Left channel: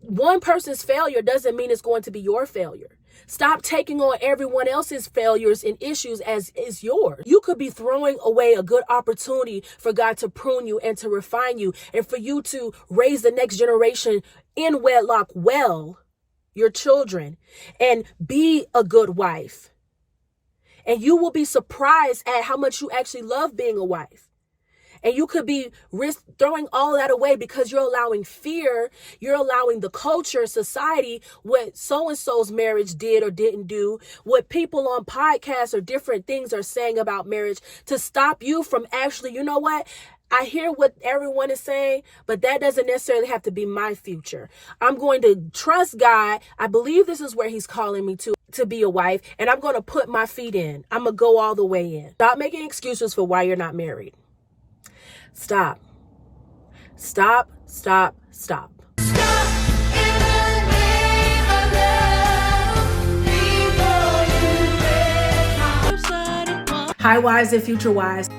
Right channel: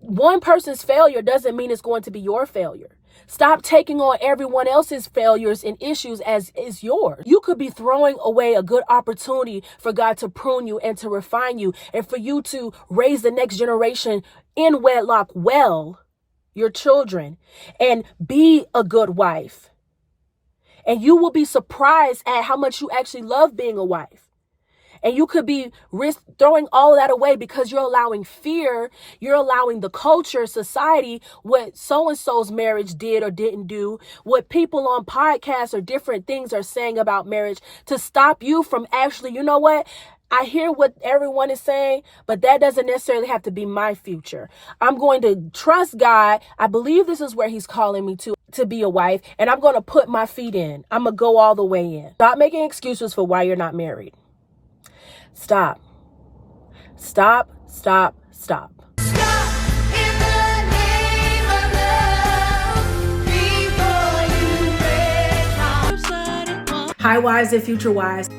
One person's failure doesn't mean it's going to be your failure. Stop taking on everyone else's failures and issues as is yours. You could be throwing away a good opportunity for God to prune you and to refine you and for you to raise the next generation in wedlock well, your children, and be a good wife. And you will be surprised at how much you actually love being a wife. And you could be throwing all of that away because you're allowing fear, you're allowing the culture, society, what so-and-so's marriage did or didn't do, what people on podcasts or different things are saying about marriage to stop you from actually, you know what? I hear what everyone is saying, but that doesn't necessarily have to be my future. I'm going to trust God. I believe this is where he's calling me to be a wife, and I'm going to put my feet in. I'm going to go all the way in. Stop making excuses for why you're not married. Stop. Stop, stop, stop. Stop in the name of love before you break my heart. Hi, wives and future wives.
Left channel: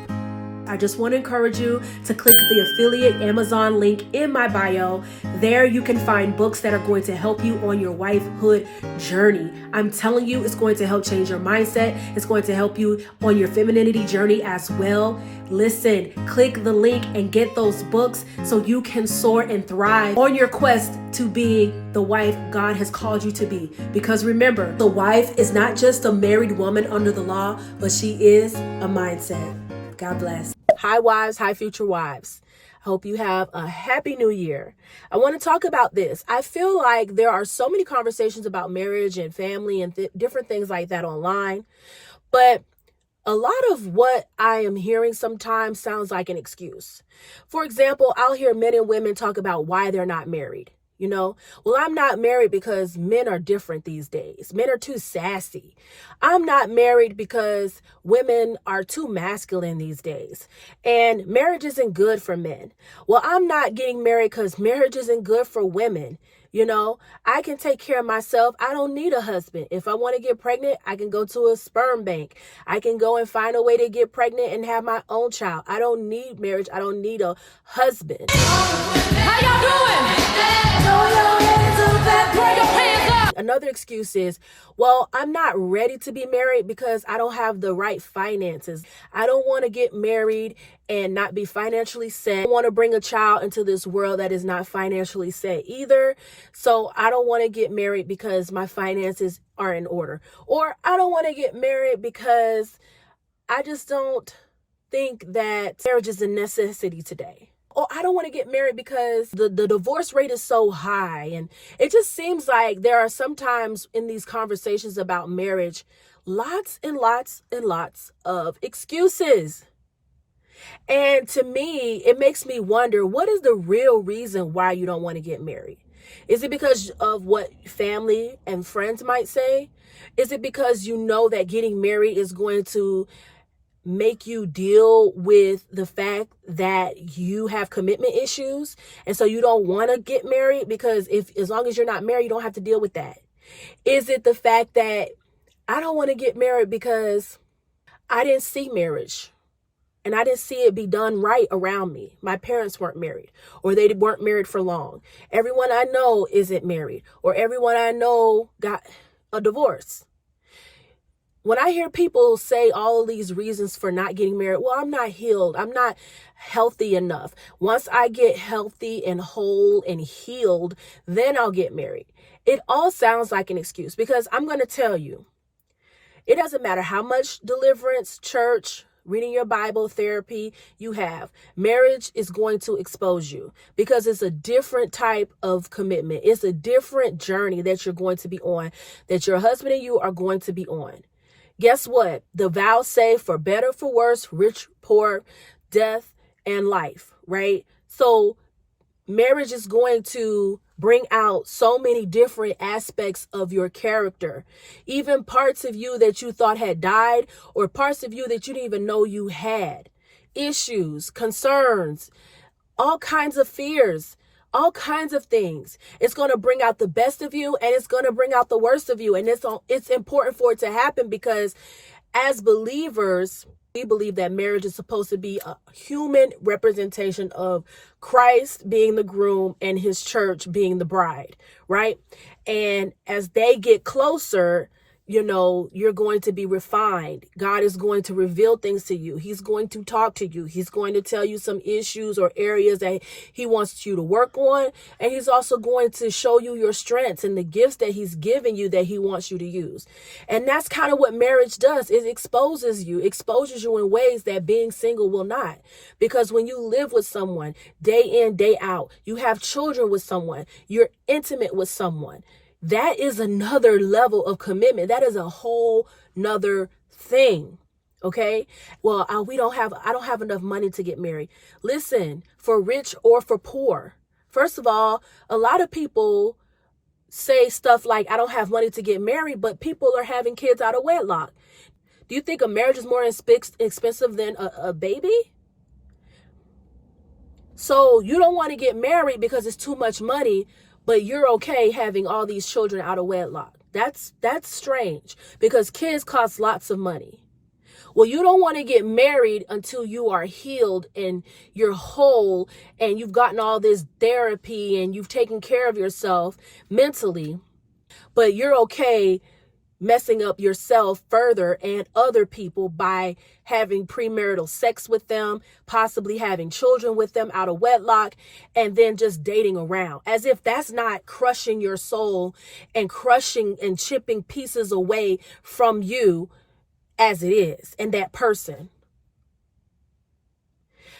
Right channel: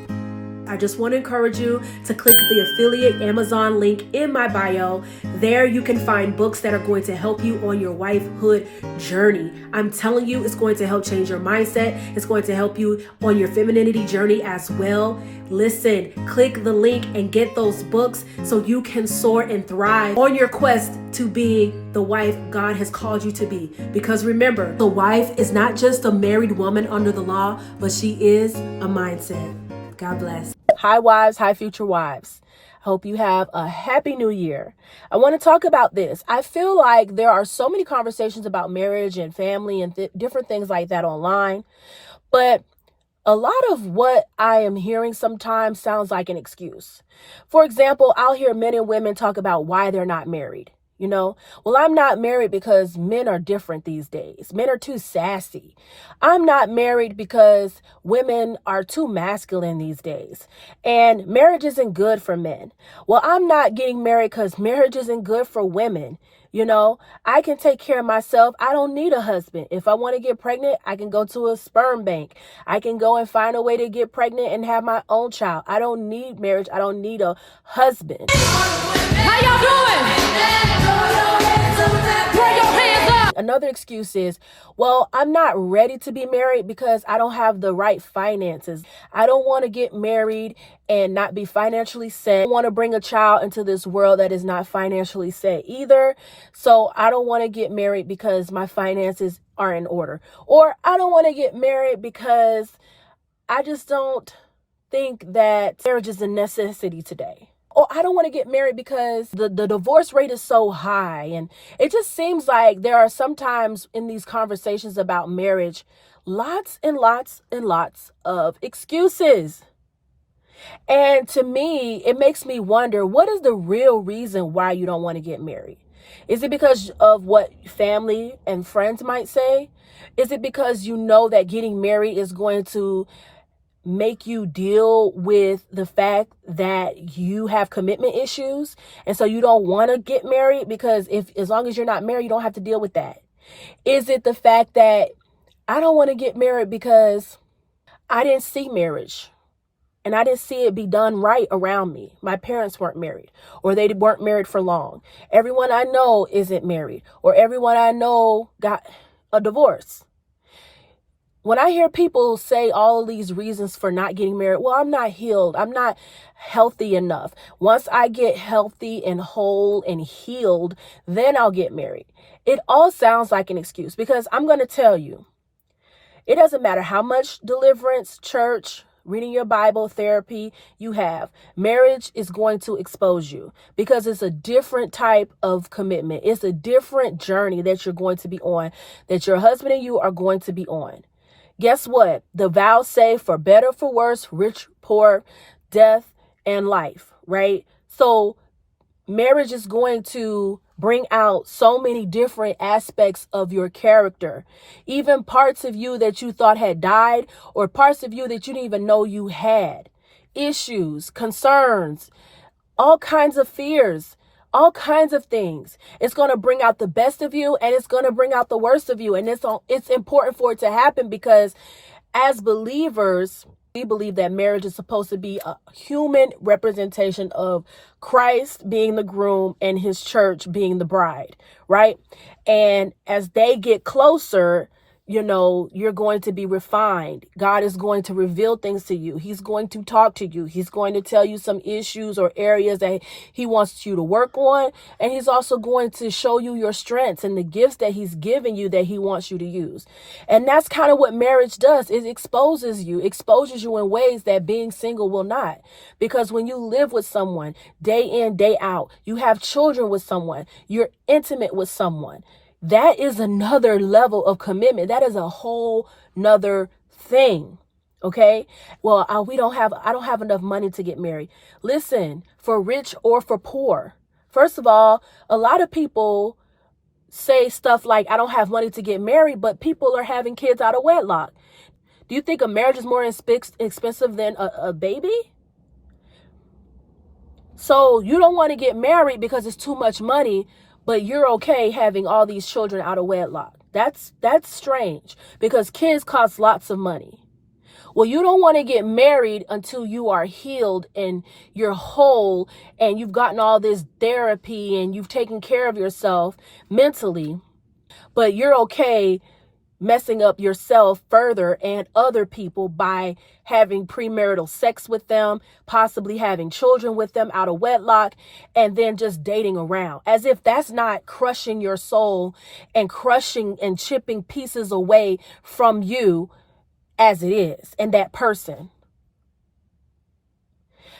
I just want to encourage you to click the affiliate Amazon link in my bio. There you can find books that are going to help you on your wifehood journey. I'm telling you, it's going to help change your mindset. It's going to help you on your femininity journey as well. Listen, click the link and get those books so you can soar and thrive on your quest to being the wife God has called you to be. Because remember, the wife is not just a married woman under the law, but she is a mindset. God bless. Hi, wives. Hi, future wives. I hope you have a happy new year. I want to talk about this. I feel like there are so many conversations about marriage and family and different things like that online, but a lot of what I am hearing sometimes sounds like an excuse. For example, I'll hear men and women talk about why they're not married. You know, well, I'm not married because men are different these days. Men are too sassy. I'm not married because women are too masculine these days. And marriage isn't good for men. Well, I'm not getting married because marriage isn't good for women. You know, I can take care of myself. I don't need a husband. If I want to get pregnant, I can go to a sperm bank. I can go and find a way to get pregnant and have my own child. I don't need marriage. I don't need a husband. How y'all doing? Throw your hands up. Another excuse is, well, I'm not ready to be married because I don't have the right finances. I don't want to get married and not be financially set. I don't want to bring a child into this world that is not financially set either. So I don't want to get married because my finances are in order. Or I don't want to get married because I just don't think that marriage is a necessity today. Or I don't want to get married because the divorce rate is so high. And it just seems like there are sometimes in these conversations about marriage, lots and lots and lots of excuses. And to me, it makes me wonder, what is the real reason why you don't want to get married? Is it because of what family and friends might say? Is it because you know that getting married is going to make you deal with the fact that you have commitment issues and so you don't want to get married because as long as you're not married, you don't have to deal with that? Is it the fact that I don't want to get married because I didn't see marriage and I didn't see it be done right around me? My parents weren't married, or they weren't married for long. Everyone I know isn't married, or everyone I know got a divorce. When I hear people say all of these reasons for not getting married, well, I'm not healed. I'm not healthy enough. Once I get healthy and whole and healed, then I'll get married. It all sounds like an excuse, because I'm going to tell you, it doesn't matter how much deliverance, church, reading your Bible, therapy you have. Marriage is going to expose you because it's a different type of commitment. It's a different journey that you're going to be on, that your husband and you are going to be on. Guess what? The vows say for better, for worse, rich, poor, death, and life, right? So marriage is going to bring out so many different aspects of your character, even parts of you that you thought had died, or parts of you that you didn't even know you had. Issues, concerns, all kinds of fears, all kinds of things. It's going to bring out the best of you, and it's going to bring out the worst of you. And it's important for it to happen, because as believers, We believe that marriage is supposed to be a human representation of Christ being the groom and his church being the bride, right? And as they get closer, you're going to be refined. God is going to reveal things to you. He's going to talk to you. He's going to tell you some issues or areas that he wants you to work on. And he's also going to show you your strengths and the gifts that he's given you that he wants you to use. And that's kind of what marriage does. It exposes you in ways that being single will not. Because when you live with someone day in, day out, you have children with someone, you're intimate with someone. That is another level of commitment. That is a whole nother thing. Okay. Well, I don't have enough money to get married. Listen, for rich or for poor. First of all, a lot of people say stuff like, I don't have money to get married, but people are having kids out of wedlock. Do you think a marriage is more expensive than a baby? So you don't want to get married because it's too much money, but you're okay having all these children out of wedlock. That's strange, because kids cost lots of money. Well, you don't want to get married until you are healed and you're whole and you've gotten all this therapy and you've taken care of yourself mentally, but you're okay messing up yourself further and other people by having premarital sex with them, possibly having children with them out of wedlock, and then just dating around, as if that's not crushing your soul and crushing and chipping pieces away from you as it is and that person.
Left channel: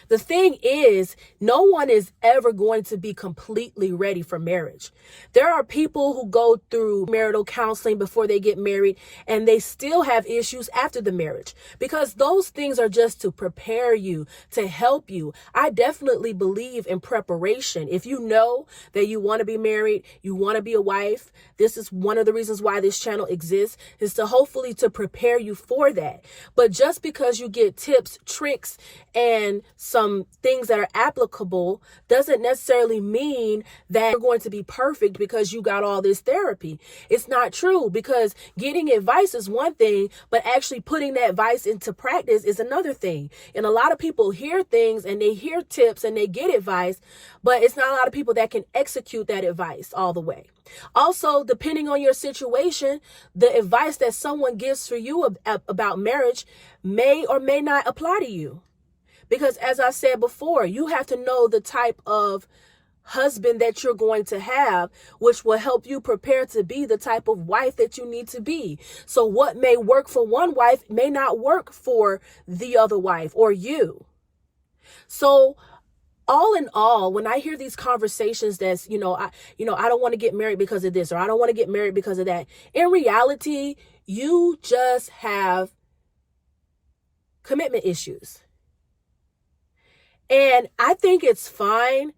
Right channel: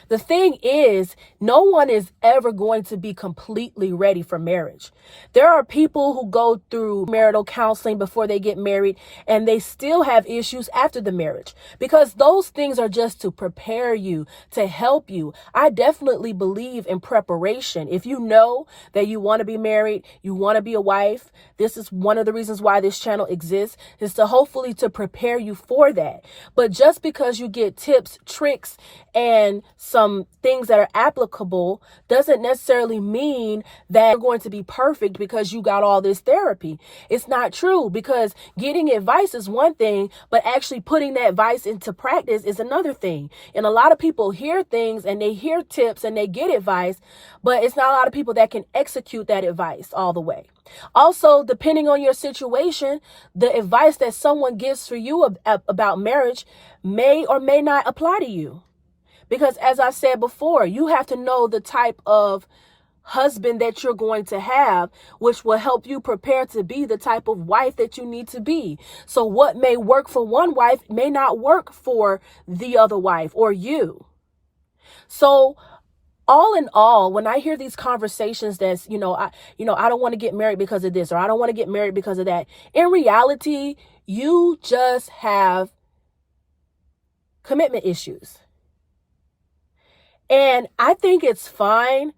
The thing is, no one is ever going to be completely ready for marriage. There are people who go through marital counseling before they get married, and they still have issues after the marriage, because those things are just to prepare you, to help you. I definitely believe in preparation. If you know that you want to be married, you want to be a wife, this is one of the reasons why this channel exists, is to hopefully to prepare you for that. But just because you get tips, tricks, and some things that are applicable doesn't necessarily mean that you're going to be perfect because you got all this therapy. It's not true, because getting advice is one thing, but actually putting that advice into practice is another thing. And a lot of people hear things and they hear tips and they get advice, but it's not a lot of people that can execute that advice all the way. Also, depending on your situation, the advice that someone gives for you about marriage may or may not apply to you. Because as I said before, you have to know the type of husband that you're going to have, which will help you prepare to be the type of wife that you need to be. So what may work for one wife may not work for the other wife or you. So all in all, when I hear these conversations that's, I don't want to get married because of this, or I don't want to get married because of that. In reality, you just have commitment issues. And I think it's fine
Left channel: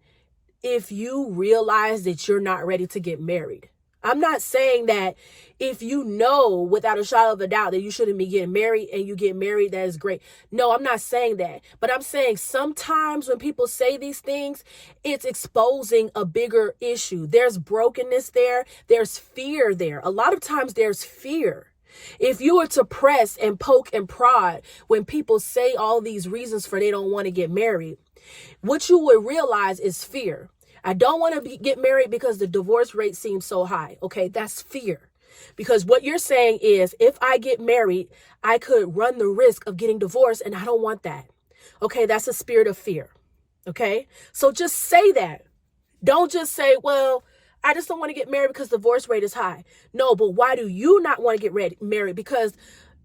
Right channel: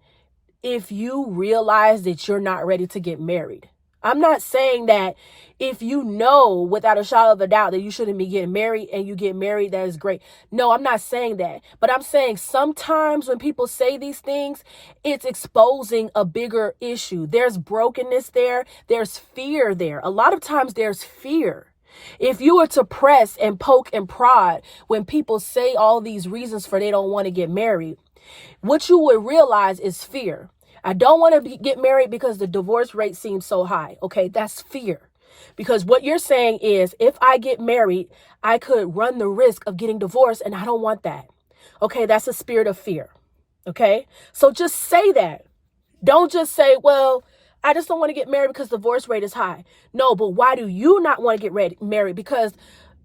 if you realize that you're not ready to get married. I'm not saying that if you know without a shadow of a doubt that you shouldn't be getting married and you get married, that is great. No, I'm not saying that. But I'm saying sometimes when people say these things, it's exposing a bigger issue. There's brokenness there. There's fear there. A lot of times there's fear. If you were to press and poke and prod when people say all these reasons for they don't want to get married, what you would realize is fear. I don't want to get married because the divorce rate seems so high. Okay, that's fear. Because what you're saying is, if I get married, I could run the risk of getting divorced, and I don't want that. Okay, that's a spirit of fear. Okay, so just say that. Don't just say, well, I just don't want to get married because the divorce rate is high. No, but why do you not want to get married? Because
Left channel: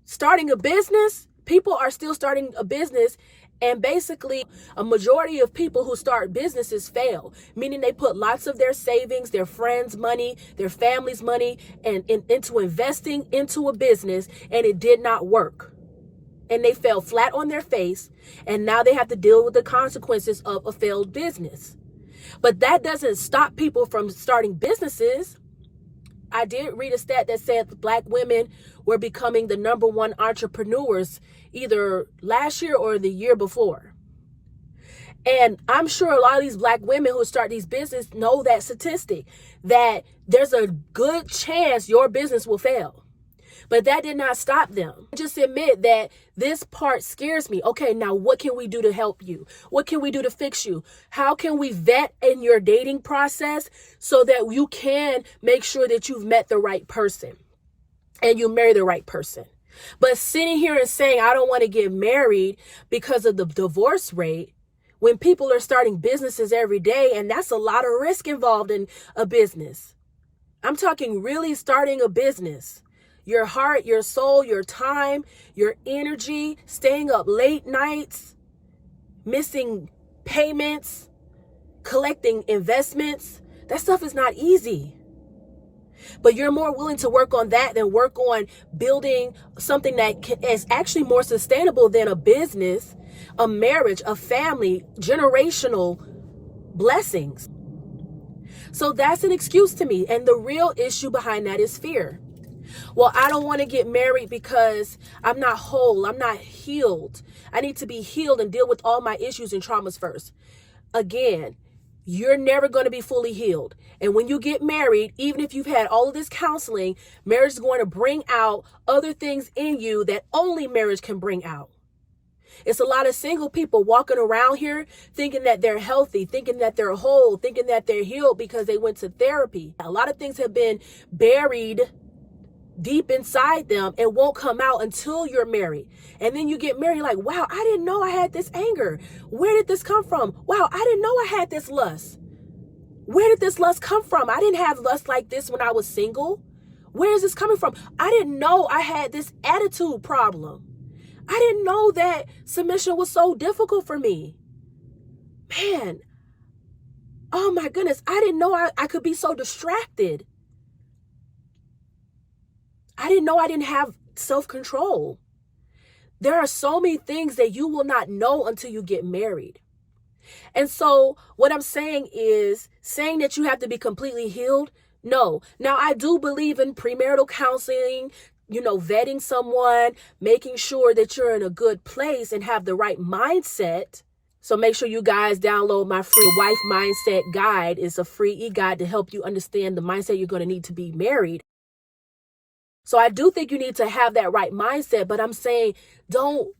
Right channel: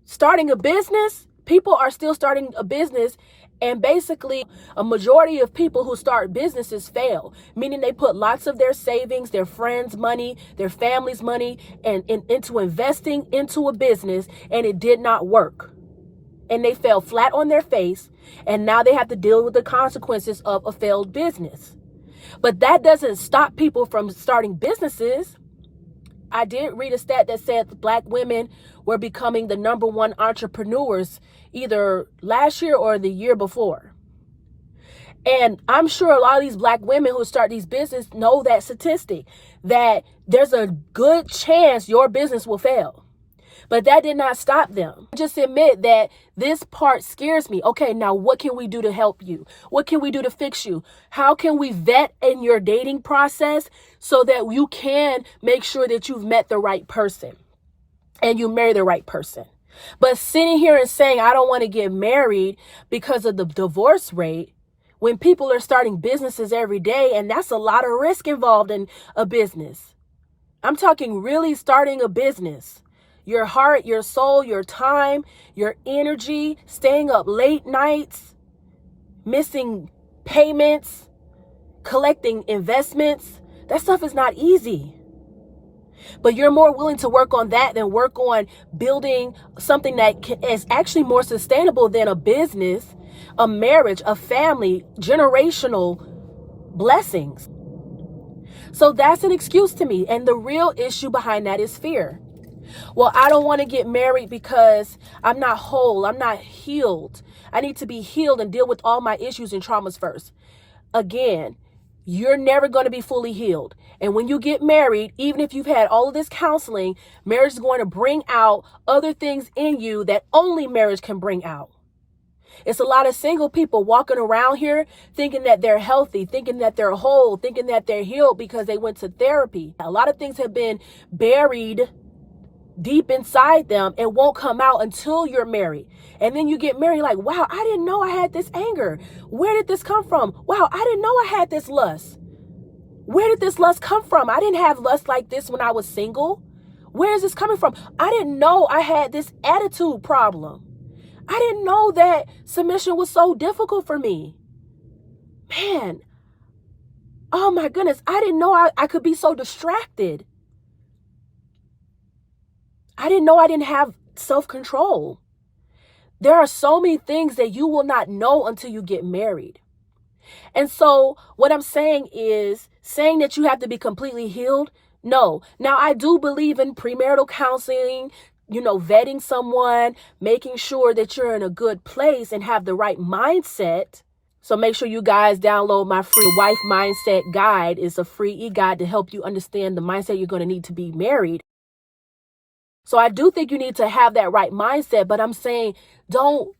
starting a business, people are still starting a business. And basically, a majority of people who start businesses fail, meaning they put lots of their savings, their friends' money, their family's money, and into investing into a business, and it did not work. And they fell flat on their face, and now they have to deal with the consequences of a failed business. But that doesn't stop people from starting businesses. I did read a stat that said Black women were becoming the #1 entrepreneurs either last year or the year before. And I'm sure a lot of these Black women who start these businesses know that statistic, that there's a good chance your business will fail. But that did not stop them. Just admit that this part scares me. Okay, now what can we do to help you? What can we do to fix you? How can we vet in your dating process so that you can make sure that you've met the right person and you marry the right person? But sitting here and saying, I don't want to get married because of the divorce rate, when people are starting businesses every day, and that's a lot of risk involved in a business. I'm talking really starting a business. Your heart, your soul, your time, your energy, staying up late nights, missing payments, collecting investments. That stuff is not easy. But you're more willing to work on that than work on building something that is actually more sustainable than a business, a marriage, a family, generational blessings. So that's an excuse to me. And the real issue behind that is fear. Well, I don't want to get married because I'm not whole. I'm not healed. I need to be healed and deal with all my issues and traumas first. Again, you're never going to be fully healed. And when you get married, even if you've had all of this counseling, marriage is going to bring out other things in you that only marriage can bring out. It's a lot of single people walking around here thinking that they're healthy, thinking that they're whole, thinking that they're healed because they went to therapy. A lot of things have been buried deep inside them and won't come out until you're married. And then you get married like, wow, I didn't know I had this anger. Where did this come from? Wow, I didn't know I had this lust. Where did this lust come from? I didn't have lust like this when I was single. Where is this coming from? I didn't know I had this attitude problem. I didn't know that submission was so difficult for me. Man, oh my goodness, I didn't know I could be so distracted. I didn't know I didn't have self-control. There are so many things that you will not know until you get married. And so what I'm saying is saying that you have to be completely healed. No. Now, I do believe in premarital counseling, vetting someone, making sure that you're in a good place and have the right mindset. So make sure you guys download my free Wife Mindset Guide. It's a free e-guide to help you understand the mindset you're going to need to be married. So I do think you need to have that right mindset, but I'm saying don't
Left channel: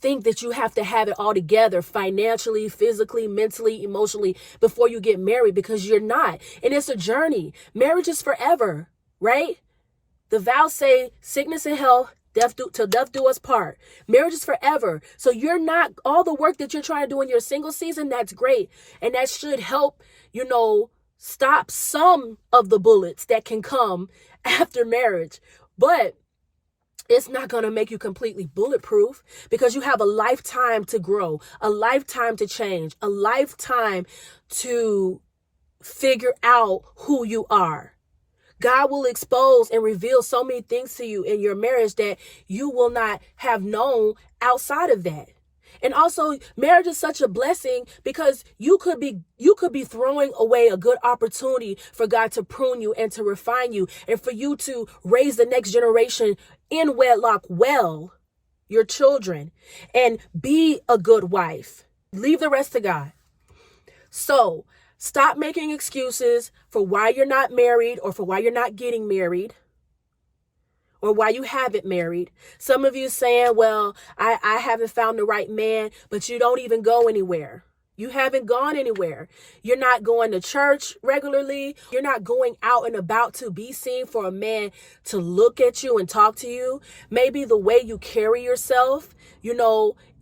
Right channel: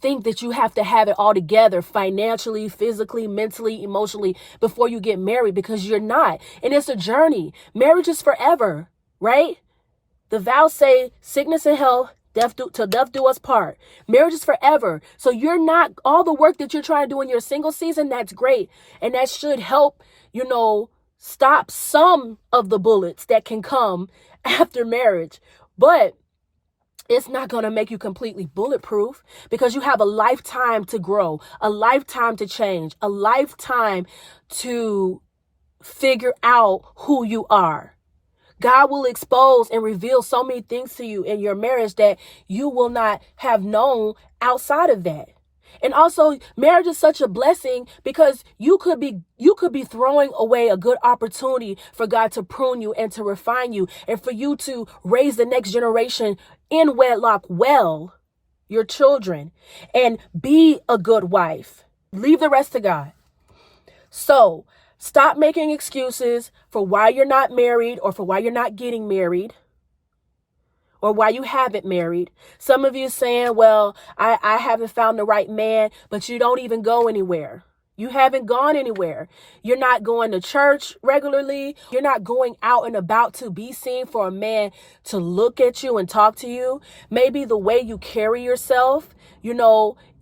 think that you have to have it all together financially, physically, mentally, emotionally before you get married, because you're not. And it's a journey. Marriage is forever, right? The vows say sickness and health, till death do us part. Marriage is forever. So you're not, all the work that you're trying to do in your single season, that's great. And that should help, stop some of the bullets that can come after marriage. But it's not going to make you completely bulletproof, because you have a lifetime to grow, a lifetime to change, a lifetime to figure out who you are. God will expose and reveal so many things to you in your marriage that you will not have known outside of that. And also, marriage is such a blessing because you could be throwing away a good opportunity for God to prune you and to refine you and for you to raise the next generation in wedlock well, your children, and be a good wife. Leave the rest to God. So stop making excuses for why you're not married or for why you're not getting married, or why you haven't married. Some of you saying, well, I haven't found the right man, but you don't even go anywhere. You haven't gone anywhere. You're not going to church regularly. You're not going out and about to be seen for a man to look at you and talk to you. Maybe the way you carry yourself,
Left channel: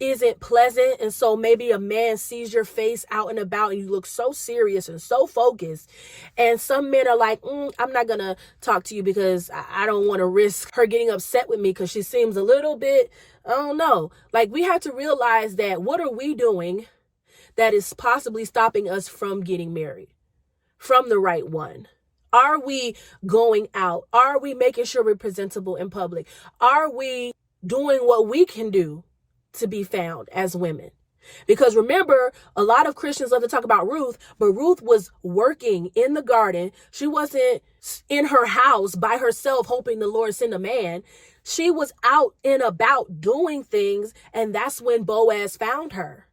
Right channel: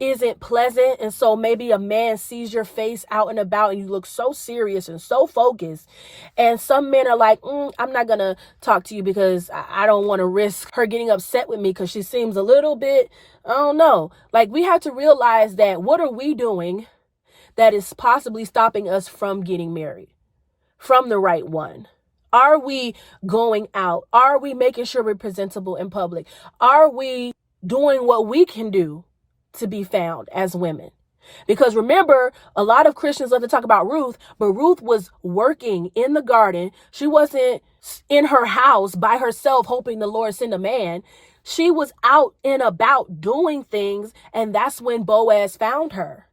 isn't pleasant. And so maybe a man sees your face out and about and you look so serious and so focused. And some men are like, I'm not going to talk to you because I don't want to risk her getting upset with me because she seems a little bit, I don't know. Like, we have to realize that what are we doing that is possibly stopping us from getting married, from the right one? Are we going out? Are we making sure we're presentable in public? Are we doing what we can do to be found as women? Because remember, a lot of Christians love to talk about Ruth, but Ruth was working in the garden. She wasn't in her house by herself hoping the Lord send a man. She was out and about doing things, and that's when Boaz found her.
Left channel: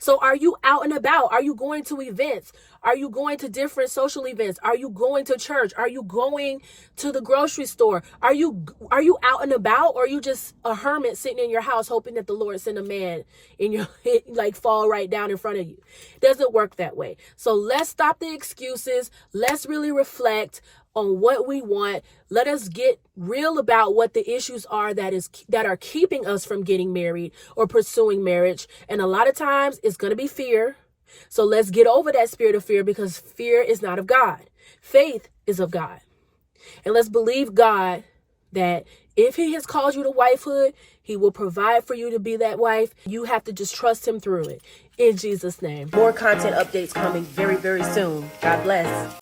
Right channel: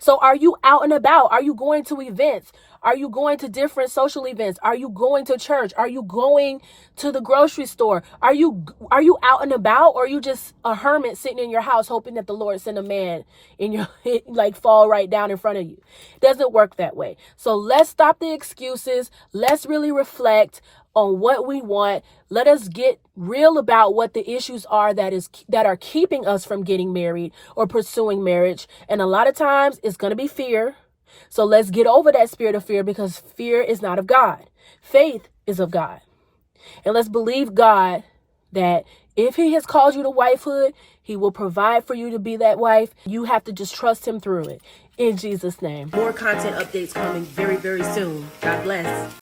So are you out and about? Are you going to events? Are you going to different social events? Are you going to church? Are you going to the grocery store? Are you out and about, or are you just a hermit sitting in your house hoping that the Lord send a man in your like fall right down in front of you? It doesn't work that way. So let's stop the excuses. Let's really reflect on what we want. Let us get real about what the issues are that are keeping us from getting married or pursuing marriage. And a lot of times it's going to be fear. So let's get over that spirit of fear, because fear is not of God. Faith is of God. And let's believe God that if he has called you to wifehood, he will provide for you to be that wife. You have to just trust him through it. In Jesus' name. More content updates coming very, very soon. God bless.